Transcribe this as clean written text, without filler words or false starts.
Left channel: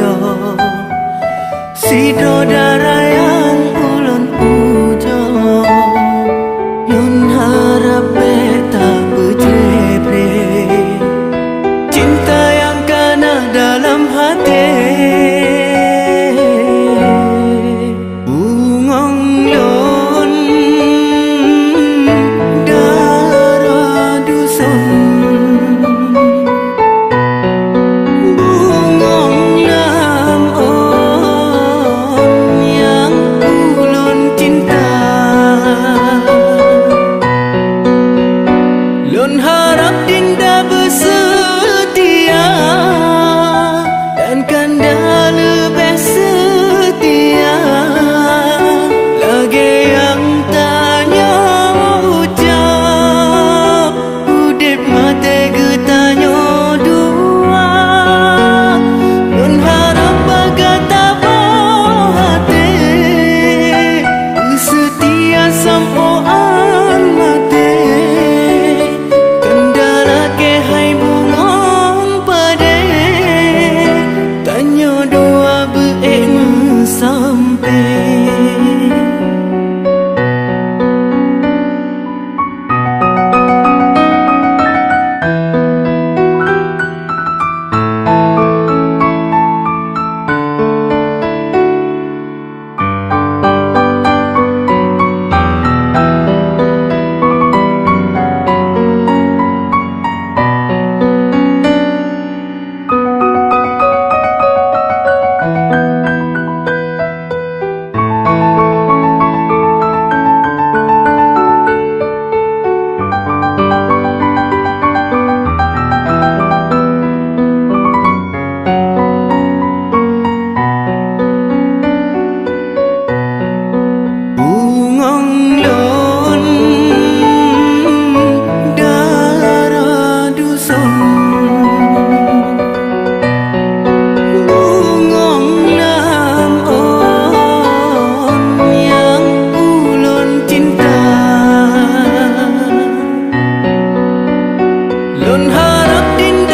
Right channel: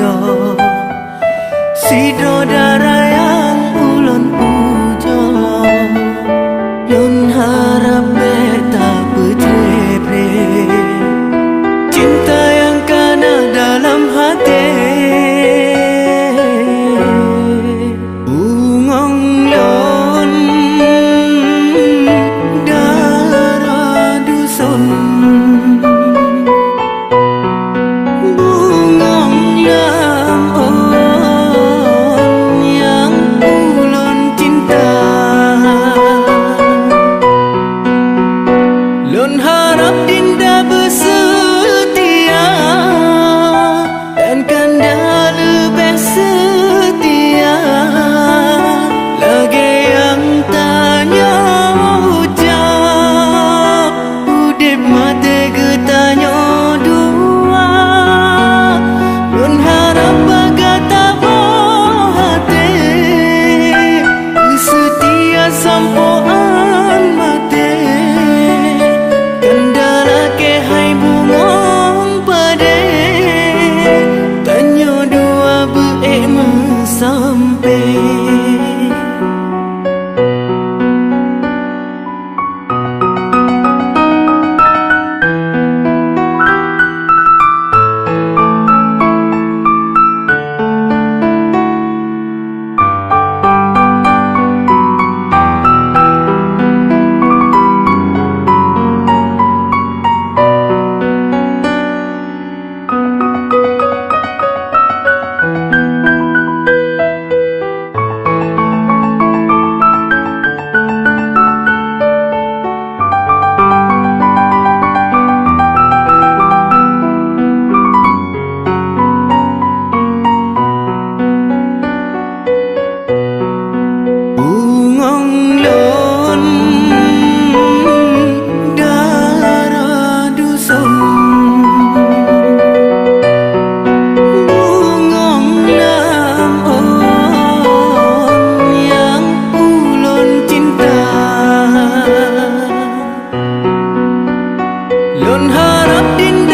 do sidro darah yang ulun puja lun harap beta berjepre cinta yang kena dalam hati bungong lun darah dusun lun harap dinda bersetia dan kanda lebih setia lagi yang tanya ucap udip mati getanya dua lun harap bagai tabah hati bersetia sampoan mati hai bungong pade tanya dua beek sampai bungong lun darah dusun bungong lam on yang ulun cinta lun harap dinda